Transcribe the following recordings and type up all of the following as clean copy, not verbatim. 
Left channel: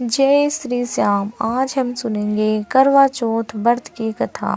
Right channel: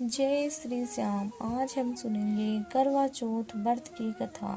जय श्री श्याम। आज हम सुनेंगे करवा चौथ व्रत की कथा।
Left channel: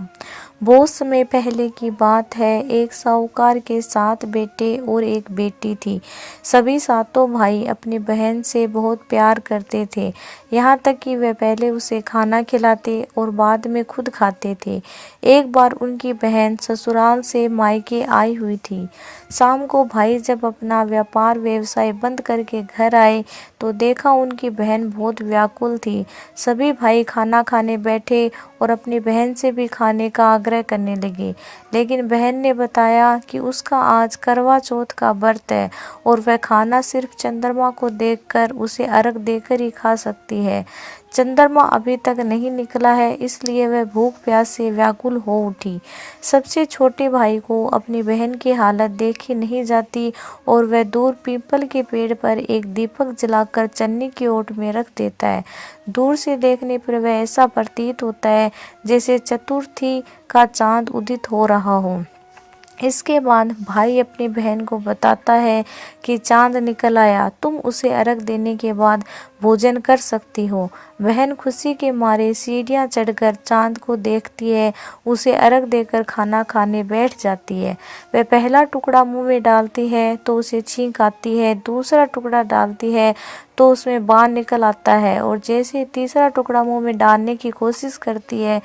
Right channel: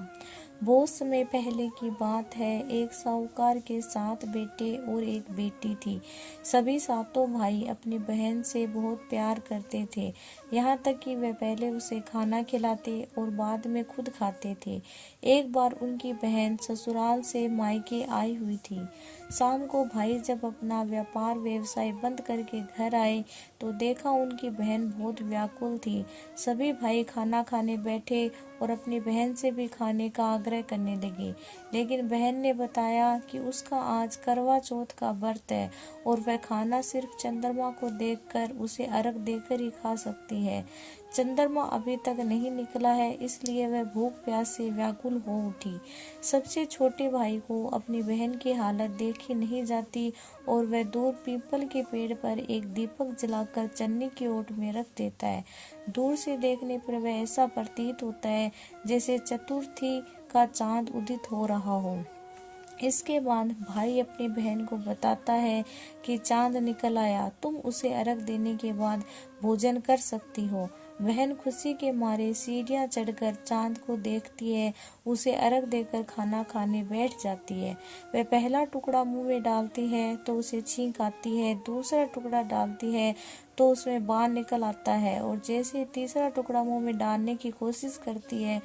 बहुत समय पहले की बात है। एक साहूकार के 7 बेटे और एक बेटी थी। सभी सातों भाई अपनी बहन से बहुत प्यार करते थे, यहाँ तक कि वे पहले उसे खाना खिलाते और बाद में खुद खाते थे। एक बार उनकी बहन ससुराल से मायके आई हुई थी। शाम को भाई जब अपना व्यापार व्यवसाय बंद करके घर आए तो देखा उनकी बहन बहुत व्याकुल थी। सभी भाई खाना खाने बैठे और अपनी बहन से भी खाने का आग्रह करने लगे, लेकिन बहन ने बताया कि उसका आज करवा चौथ का व्रत है और वह खाना सिर्फ चंद्रमा को देखकर उसे अर्घ देकर ही खा सकती है। चंद्रमा अभी तक नहीं निकला है, इसलिए वह भूख प्यास से व्याकुल हो उठी। सबसे छोटे भाई को अपनी बहन की हालत देखी नहीं जाती और वह दूर पीपल के पेड़ पर एक दीपक जलाकर चन्नी की ओट में रख देता है। दूर से देखने पर वह ऐसा प्रतीत होता है जैसे चतुर्थी का चांद उदित हो रहा हो। इसके बाद भाई अपनी बहन को बताता है कि चांद निकल आया, तुम उसे अर्घ देने के बाद भोजन कर सकती हो। बहन खुशी के मारे सीढ़ियां चढ़कर चांद को देखती है, उसे अर्घ देकर खाना खाने बैठ जाती है। वह पहला टुकड़ा मुंह में डालती है तो उसे छींक आती है, दूसरा टुकड़ा डालती है तो उसमें बाण निकल आता है और जैसे तीसरा टुकड़ा मुंह में डालने की कोशिश करती है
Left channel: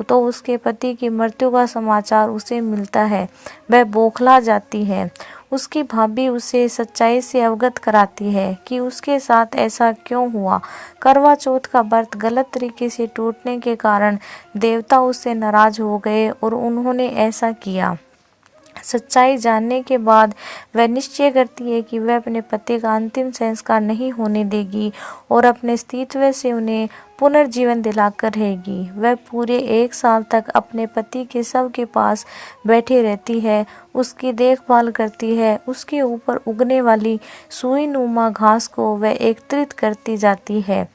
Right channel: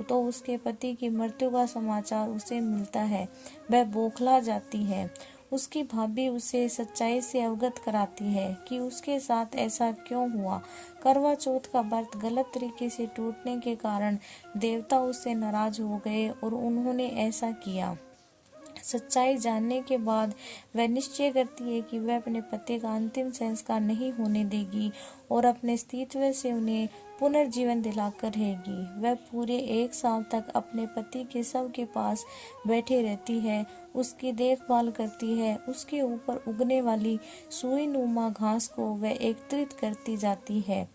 तो उसके पति की मृत्यु का समाचार उसे मिलता है। वह बौखला जाती है। उसकी भाभी उसे सच्चाई से अवगत कराती है कि उसके साथ ऐसा क्यों हुआ। करवा चौथ का व्रत गलत तरीके से टूटने के कारण देवता उससे नाराज हो गए और उन्होंने ऐसा किया। सच्चाई जानने के बाद वह निश्चय करती है कि वह अपने पति का अंतिम संस्कार नहीं होने देगी और अपने अस्तित्व से उन्हें पुनर्जीवन दिलाकर रहेगी। वह पूरे 1 साल तक अपने पति के शव के पास बैठी रहती है, उसकी देखभाल करती है, उसके ऊपर उगने वाली सुई नुमा घास को वह एकत्रित करती जाती है।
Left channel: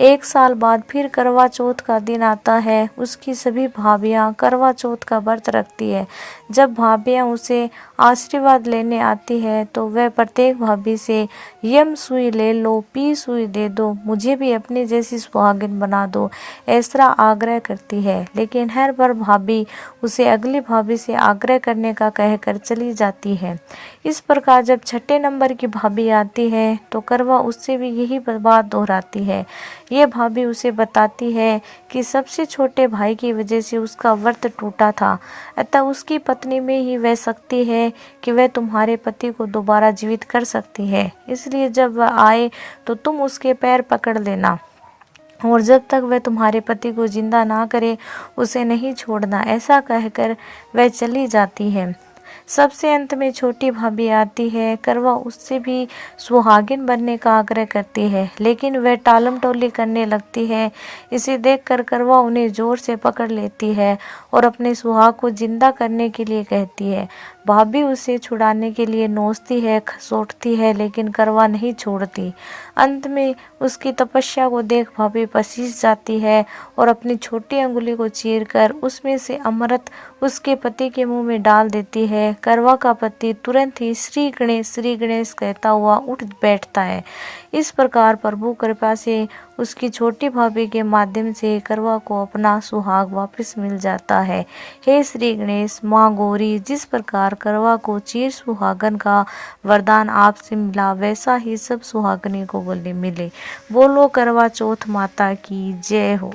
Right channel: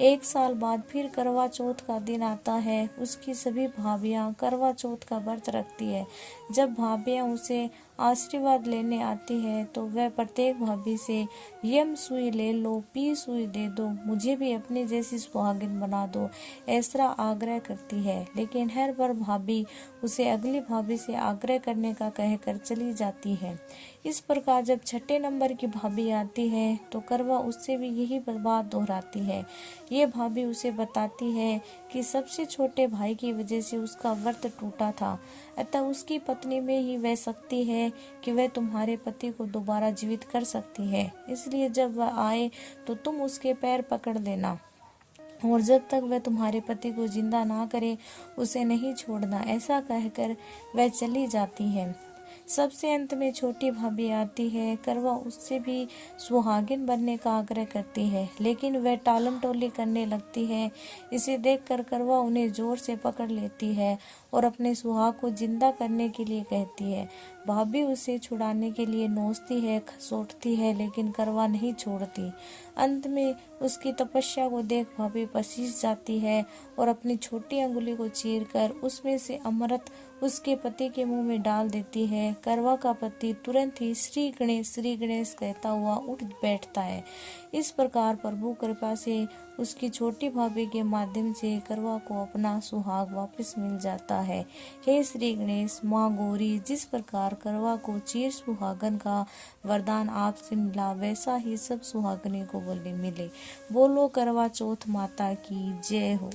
1 साल बाद फिर करवा चौथ का दिन आता है। उसकी सभी भाभियां करवा चौथ का व्रत रखती है। जब भाभियां उसे आशीर्वाद लेने आती है तो वह प्रत्येक भाभी से यम सुई ले लो, पी सुई दे दो, मुझे भी अपनी जैसी सुहागिन बना दो, ऐसा आग्रह करती है। लेकिन हर बार भाभी उसे अगली भाभी से आग्रह करने का कहकर चली जाती है। इस प्रकार जब 6ठे नंबर की भाभी आती है तो करवा उससे भी यही बात दोहराती है। यह भाभी उसे बताती है कि सबसे छोटे भाई की वजह से उसका व्रत टूटा था, अतः उसकी पत्नी में ही वह शक्ति है कि वह तुम्हारे पति को दोबारा जीवित कर सकती है। इसलिए जब वह आए तो तुम उसके पैर पकड़ लेना और जब तक वह तुम्हारे पति को जिंदा ना करे उसे नहीं छोड़ना। ऐसा कहकर वह चली जाती है। सबसे अंत में छोटी भाभी आती है। करवा उससे भी सुहागिन बनने का आग्रह करती है, लेकिन वह टालम टोली करने लगती है। इसे देखकर करवा उन्हें जोर से पकड़ लेती है और अपने सुहाग को जिंदा करने के लिए कहती है। भाभी उसे छुड़ाने के लिए नोचती है, खसोटती है, लेकिन करवा नहीं छोड़ती। अंत में उसकी तपस्या को देख भाभी पसीज जाती है और अपनी छोटी अंगुली को चीरकर उसमें से अमृत उसके पति के मुंह में डाल देती है। करवा का पति तुरंत ही श्री गणेश कहता हुआ उठ बैठता है। इस प्रकार प्रभु कृपा से उसकी छोटी भाभी के माध्यम से करवा को अपना सुहाग वापस मिल जाता है। हे श्री गणेश, माँ गौरी, जिस प्रकार करवा को चीर सुहागन का वरदान आपसे मिला वैसा ही सब सुहागनी को बोले मिले। बोलो करवा चौथ माता की जय हो।